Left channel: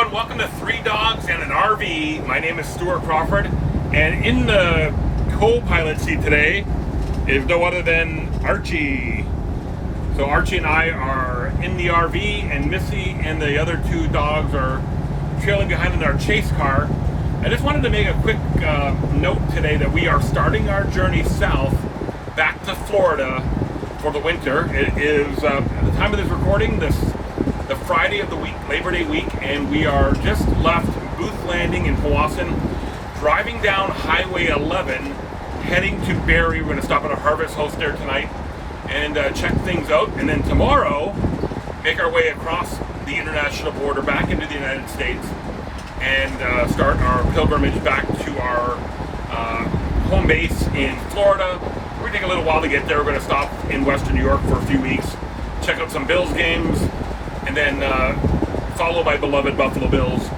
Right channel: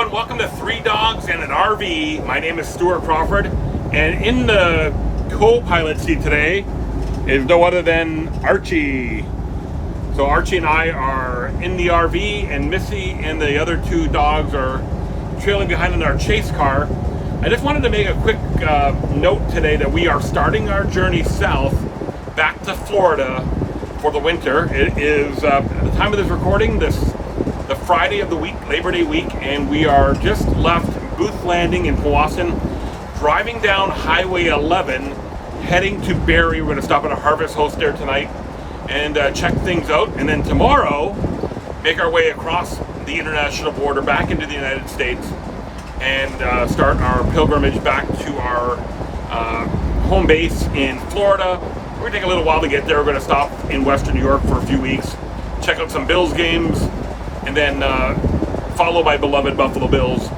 everyone, welcome to Three Dogs and an RV. My name is Stuart Crawford, and in the co-pilot seat today is no other than Archie. So Archie and I are in the RV, and Missy and the other two dogs are trailing behind in our chase car. I just wanted to make a quick note today that we are starting our journey south back to Florida for the winter. It is, at the time of this recording, the Friday of the week, Labor Day week, and we are just left Booth Landing in Powassan, driving down Highway 11, heading to Barrie. We're going to stop at a Harvest Host there tonight and check things out, and then tomorrow make our way across the international border back into the United States and start our pilgrimage back to our home base in Florida. We're going to take a little while to get there. We're going to stop in Western New York for a few weeks, check out some Bills games, and then follow my beloved Buffalo Bills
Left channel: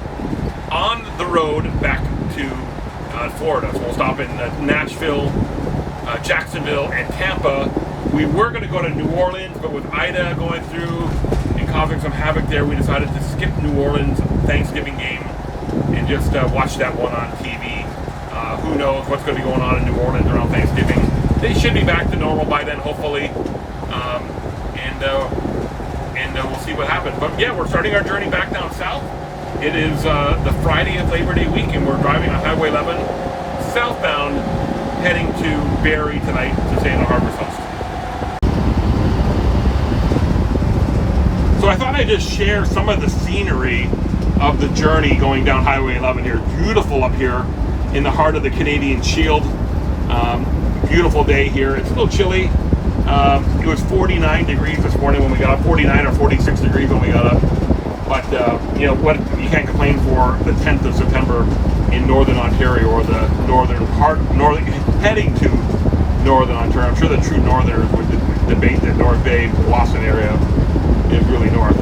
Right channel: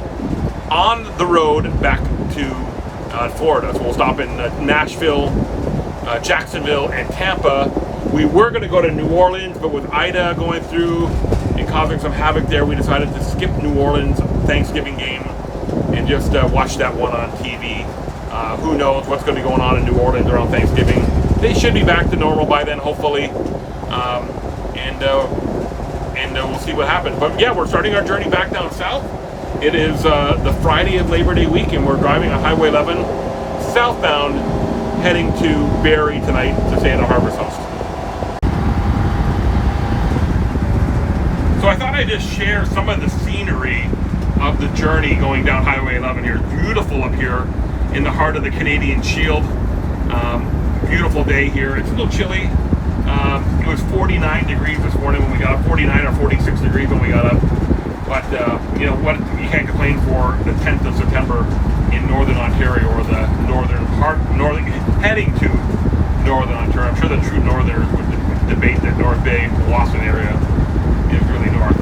on the road back to Florida. So we'll stop in Nashville, Jacksonville, and Tampa. We were going to go to New Orleans, but with Ida going through and causing some havoc there, we decided to skip New Orleans Thanksgiving game and just watch that one on TV. Who knows what's going to be going on in New Orleans around Thanksgiving. They should be back to normal by then, hopefully. And we'll see what happens. But yeah, we're starting our journey back down south. It is the Friday of Labor Day week, and we're driving on Highway 11 southbound, heading to Barrie tonight to stay in a Harvest Host. So I thought I'd just share some of the scenery of the journey going down Highway 11 here. Beautiful up here in the heart of the Canadian Shield. Beautiful day here. It's a little chilly. It was 49 degrees this morning when we got up, 49 or 46 degrees when we got up. But you know what? You can't complain for the 10th of September in Northern Ontario, or the northern part, heading to Northern Ontario. I'm sure the true Northerners would debate that North Bay, Powassan area is really north.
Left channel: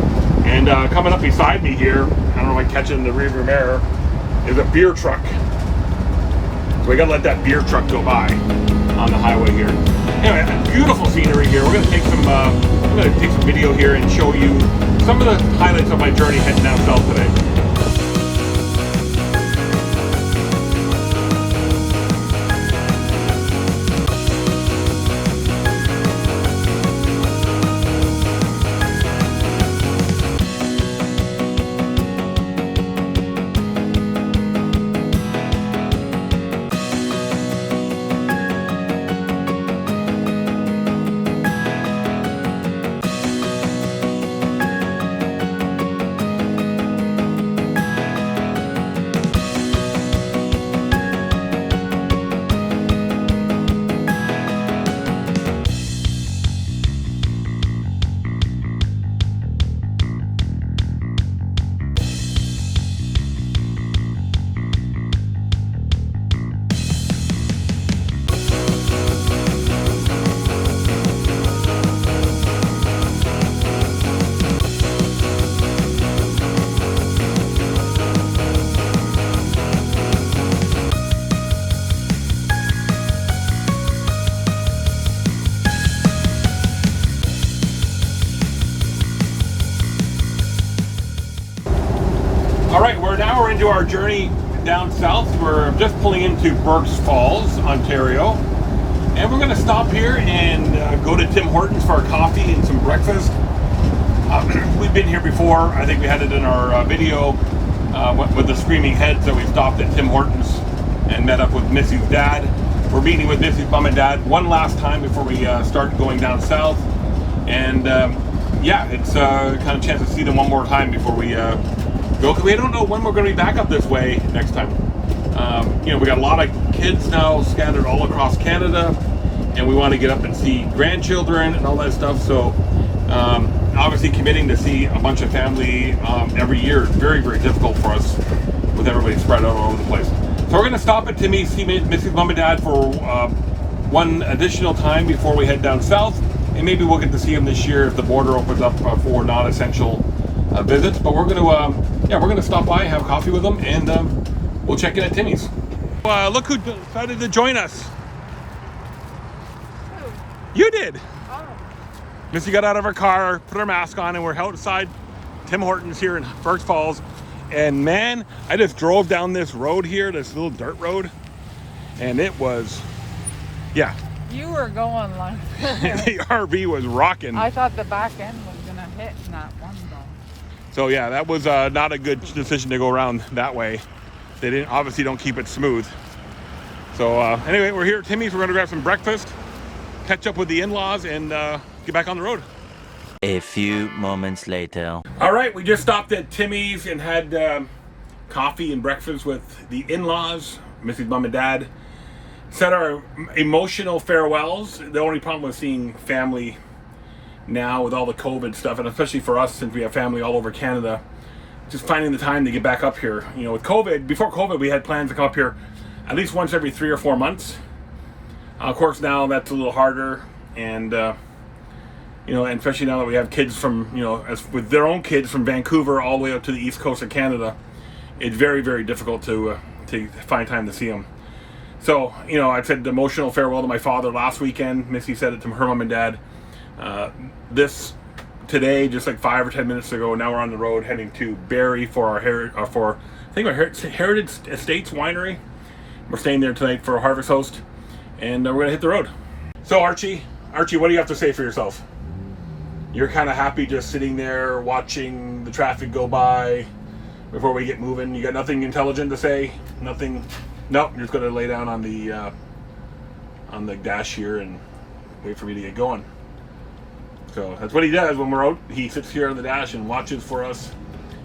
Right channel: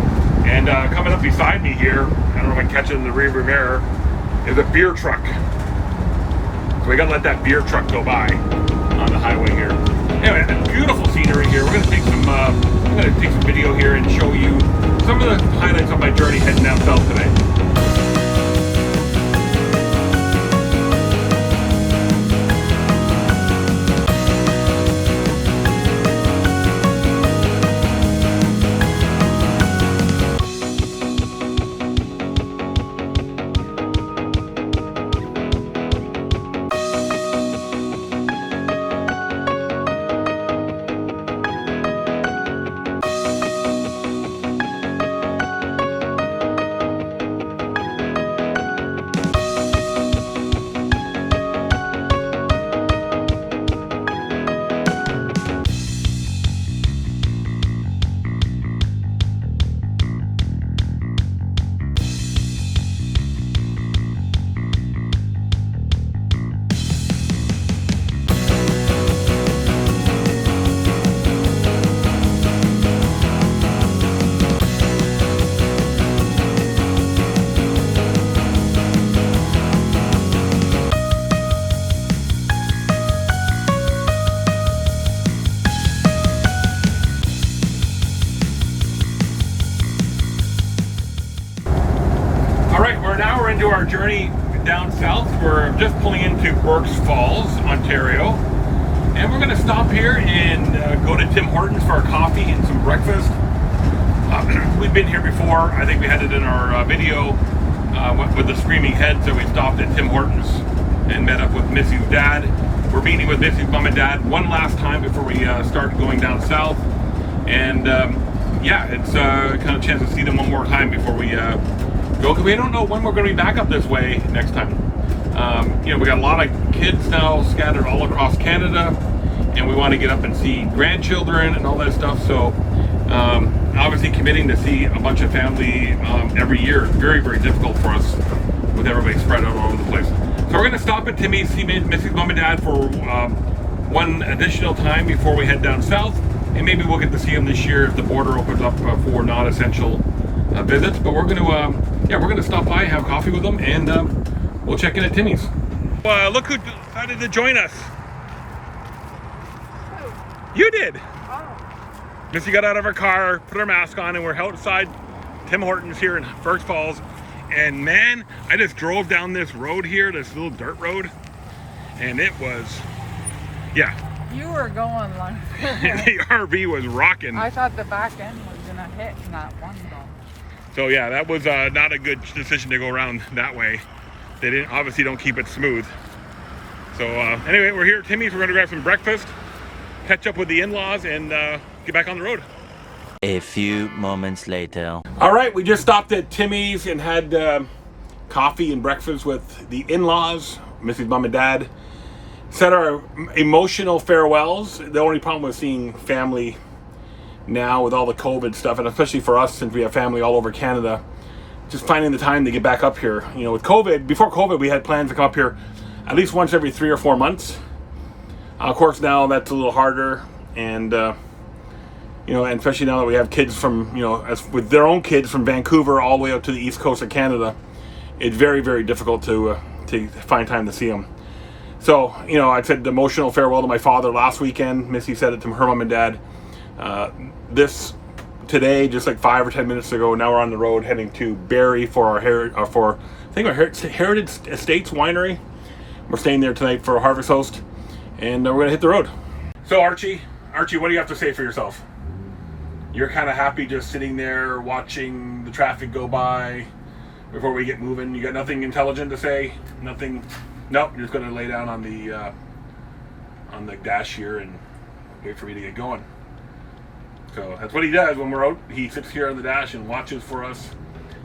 And coming up beside me here, I don't know if I can catch it in the rearview mirror, is a beer truck. We gotta let that beer truck go by on the highway here. Anyway, beautiful scenery here. We're gonna take some I'm gonna take some video here and show you some of the highlights of my journey heading down south today. Now we're into our journey down south. We're just pulling into Burks Falls, Ontario, and we're going to stop here and go to Tim Hortons for a coffee and some breakfast. We've been here before. I think we had it in our video with the Screaming Heads, that we stopped at Tim Hortons and met up with Missy's dad. We're meeting with Missy's mom and dad one last time before we start going down south, and yeah, it's kind of a chance to see them one more time before we go, because we don't know when we're going to be back up this way next time. You know, we got a lot of kids now scattered all across Canada, and we want to get up and see grandchildren and all that stuff. So obviously committing to see a bunch of family every year is very, very difficult for us with everybody spread out all over the place. So we're going to stop at Timmy's, see Missy's mom and dad for one additional time before we head down south, and maybe we'll get to see them this year if the border opens up for non-essential visits. But we're going to stop by, have coffee with them, and we'll check in at Timmy's. Look who decided to join us. Who? You did. Oh. Missy got out of her car, put her mask on, and we're outside Tim Hortons here in Burks Falls, And man, I just drove down this road here, this little dirt road, and it was, yeah. You were going like the RV was rocking. I thought the back end was gonna hit in that one though. So yeah, that was not a good decision to go around that way. They didn't obviously don't keep it smooth. So anyway, we're here at Timmy's. We're gonna grab some breakfast, catch up with the in-laws, and get back on the road. A few moments later. All right, we just stopped at Timmy's and had coffee and breakfast with the in-laws, Missy's mom and dad. Said our emotional farewells. The only problem with seeing family now with all the COVID stuff, and especially for us since we have family all over Canada, just finding the time to get back up here. You know, with COVID, before COVID, we had plans to come up here at least once every 3 or 4 months. Of course, now that's a little harder, and you know, and especially now that we have kids from, you know, as with their own kids from Vancouver all the way up to the east coast of Canada, it's very, very difficult to find time to see them. So, you know, I said emotional farewell to my father last weekend. Missy said it to her mom and dad. Today, just like 5 or 10 minutes ago, now we're on the road heading to Barrie for our Heritage Estates Winery. We're staying there tonight for a harvest host, and we're gonna hit the road. So Archie, what do you have to say for yourself? You're kind of happy just sitting there watching the traffic go by before we get moving. You got nothing intelligent to say? Nothing. Nope, you're just going to lay down on the dash here and wait for me to get going. So that's what he does when we're out. He sits here on the dash and watches for us.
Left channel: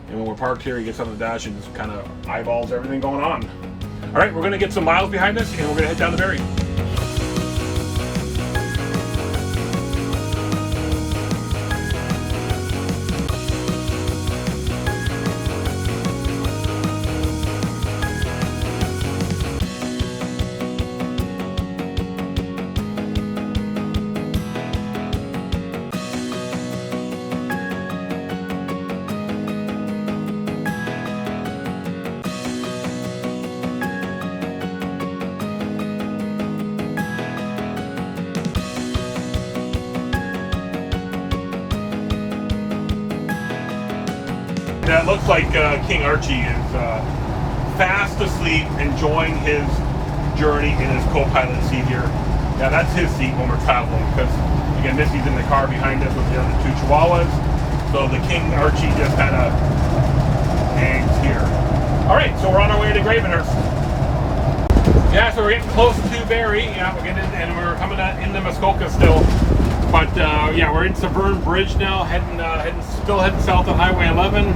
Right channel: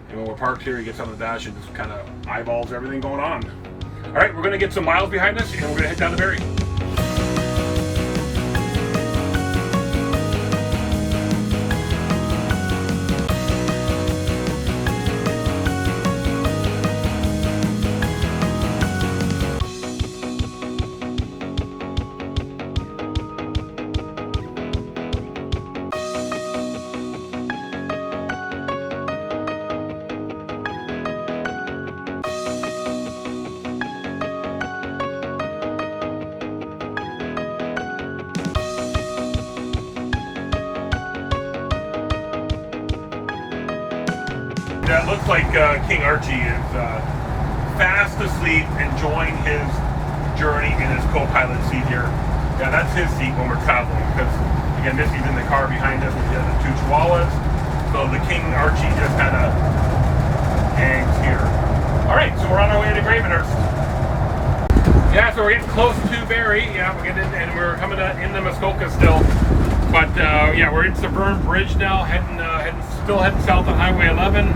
And when we're parked here, he gets on the dash and just kind of eyeballs everything going on. All right, we're going to get some miles behind us and we're going to head down to Barrie. Yeah, it looks like King Archie is fast asleep, enjoying his journey in his co-pilot seat here. Yeah, that's his seat when we're traveling, because again, Missy's in the car behind us with the other 2 Chihuahuas. So the King Archie just had a hangs here. All right, so we're on our way to Gravenhurst. Yeah, so we're getting close to Barrie. Yeah, we're getting, and we're coming into Muskoka still. But yeah, we're in Severn Bridge now, still heading south on Highway 11.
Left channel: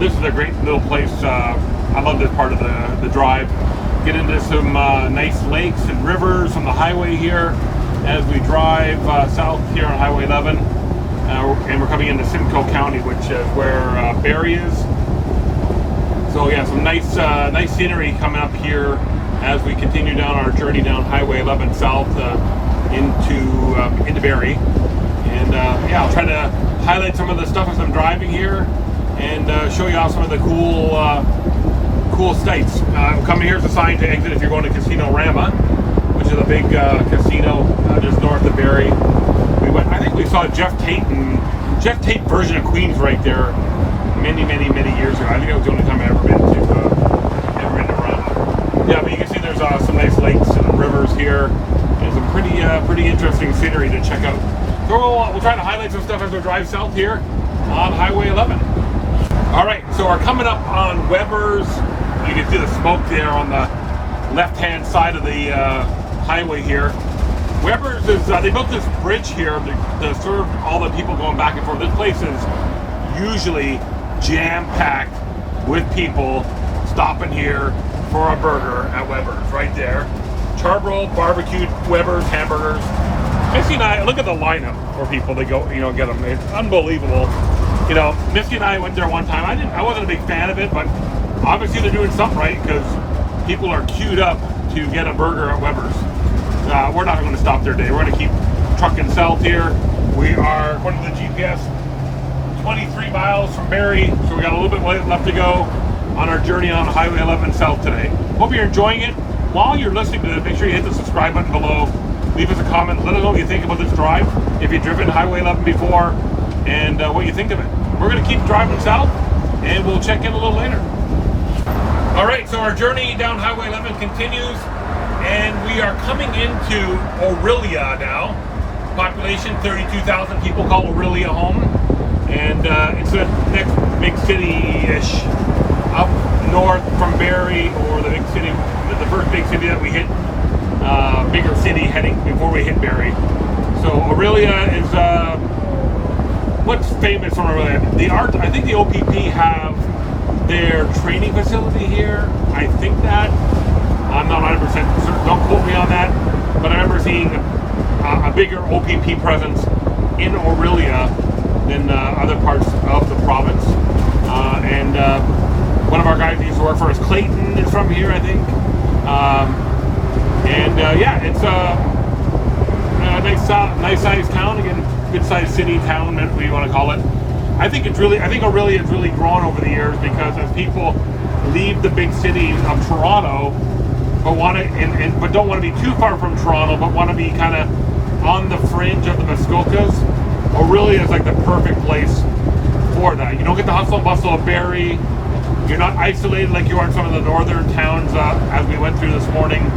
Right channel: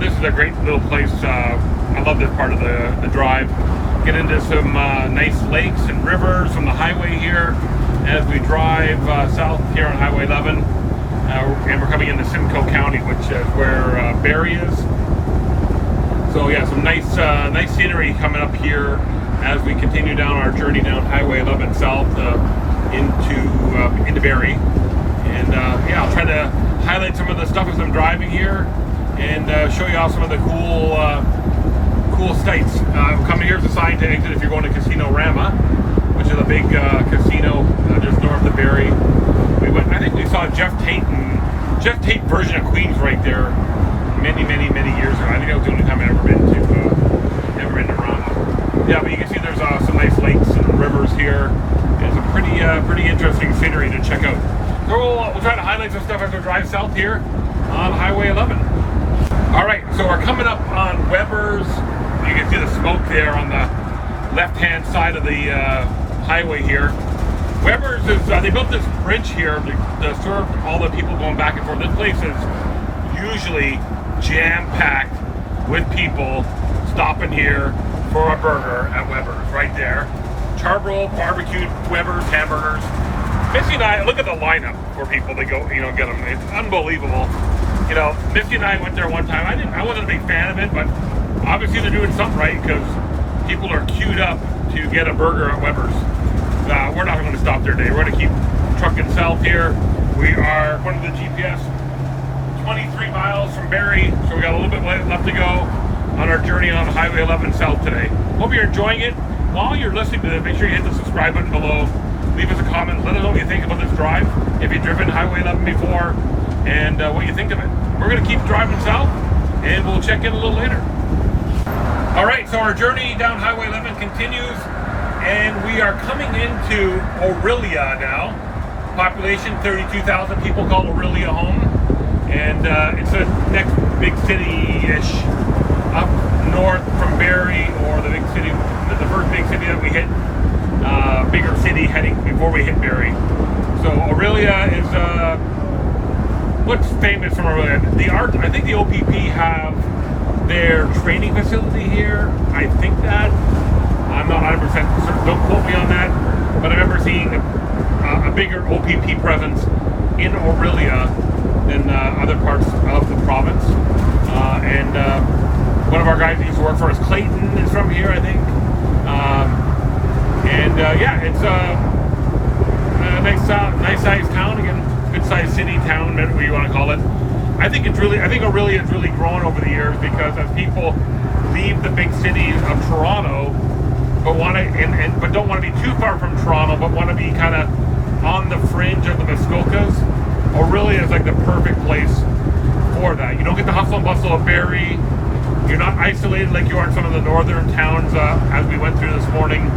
This is a great little place. I love this part of the drive. Get into some nice lakes and rivers from the highway here as we drive south here on Highway 11. And we're coming into Simcoe County, which is where Barrie is. So yeah, some nice scenery coming up here as we continue down our journey down Highway 11 south into Barrie. And yeah, I'll try to highlight some of the stuff as I'm driving here and show you off some of the cool sights. Coming here is a sign to exit if you're going to Casino Rama, which is a big casino just north of Barrie. I think we saw Jeff Tate version of Queens right there many years ago. I think that was the only time I've ever been to Rama. Yeah, but you can see there's some nice lakes and rivers here and some pretty interesting scenery to check out. So we'll try to highlight some stuff as we drive south here on Highway 11. All right, so we're coming up on Weber's. You can see the smoke there on the left-hand side of the highway here. Weber's is, they built this bridge here to serve all the people going back and forth. This place is usually jam-packed with people stopping here for a burger at Weber's right there. Charbroil, barbecued Weber's hamburgers. Missy and I, look at the lineup for people to go, you know, get them. It's unbelievable. You know, Missy and I went there one time. I wasn't a big fan of it, but obviously they're doing something right because people are queued up to get a burger at Weber's. We're not going to stop there today. We're going to keep trucking south here. We are, according to the GPS, 23 miles from Barrie, so we got a little bit left to go on our journey on Highway 11 south today. Hope you're enjoying it. While you're listening to this, make sure you hit the subscribe button below. Leave us a comment. Let us know what you think about this drive, if you've driven Highway 11 before, and what you think of it. We're going to keep driving south, and we'll check in a little later. All right, so our journey down Highway 11 continues, and we are coming into Orillia now. Population 32,000 people call Orillia home, and it's the next big city-ish up north from Barrie, or the big city, the first big city that we hit, bigger city heading before we hit Barrie. So Orillia is what's famous from Orillia? I think the OPP have their training facility here. I think that. I'm not 100% certain. Don't quote me on that. But I remember seeing a bigger OPP presence in Orillia than other parts of the province. And one of our guys who used to work for us, Clayton, is from here, I think. Yeah, it's a nice sized town. Again, good sized city, town, whatever you want to call it. I think Orillia has really grown over the years, because as people leave the big cities of Toronto, but but don't want to be too far from Toronto, but want to be kind of on the fringe of the Muskokas, Orillia is like the perfect place for that. You don't get the hustle and bustle of Barrie. You're not isolated like you are in some of the northern towns, as we went through this morning.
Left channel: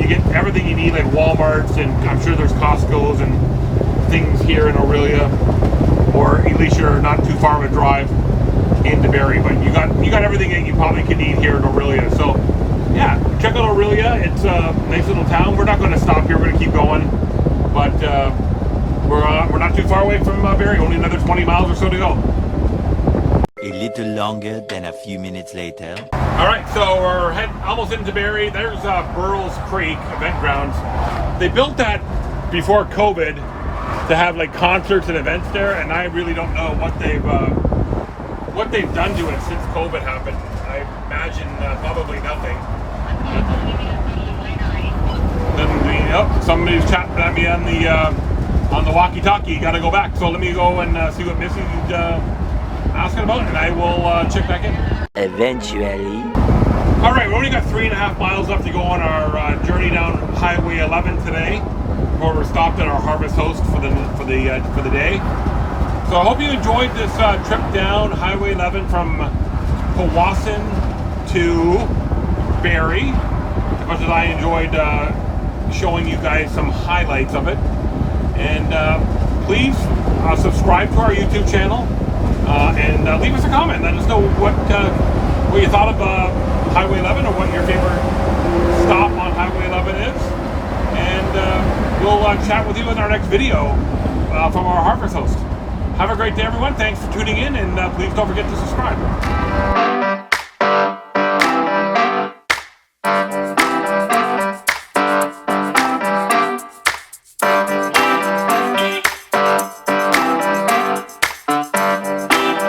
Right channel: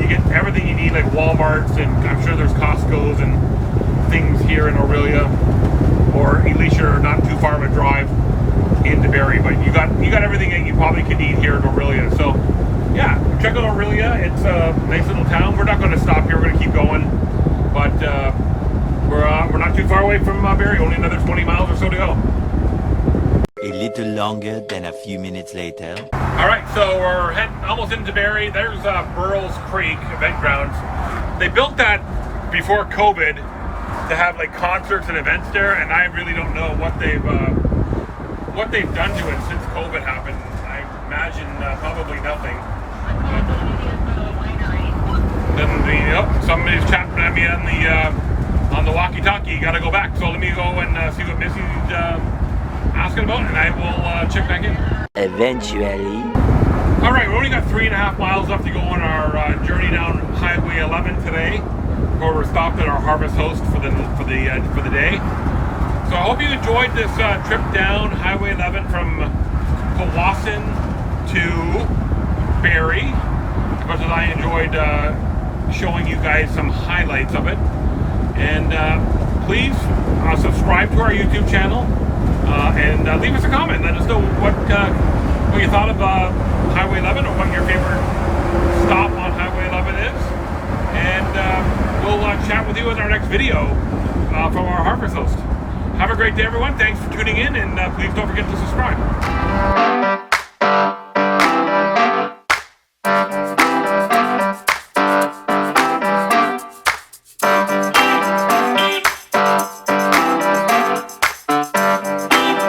You get everything you need, like Walmarts, and I'm sure there's Costco's and things here in Orillia, or at least you're not too far of a drive into Barrie, but you got everything that you probably could need here in Orillia. So yeah, check out Orillia. It's a nice little town. We're not going to stop here. We're going to keep going, but we're not too far away from Barrie. Only another 20 miles or so to go. A little longer than a few minutes later. All right, so we're heading almost into Barrie. There's Burles Creek event grounds. They built that before COVID to have like concerts and events there, and I really don't know what they've done to it since COVID happened. I imagine probably nothing. Then somebody's chatting at me on the walkie-talkie. Got to go back. So let me go and see what Missy's asking about, and I will check back in. Eventually. All right, we only got 3.5 miles left to go on our journey down Highway 11 today, where we're stopped at our harvest host for the day. So I hope you enjoyed this trip down Highway 11 from Powassan to Barrie, as much as I enjoyed showing you guys some highlights of it. And please subscribe to our YouTube channel and leave us a comment. Let us know what you thought of Highway 11, or what your favorite stop on Highway 11 is. And we'll chat with you in our next video from our harvest host. Have a great day, everyone. Thanks for tuning in, and please don't forget to subscribe.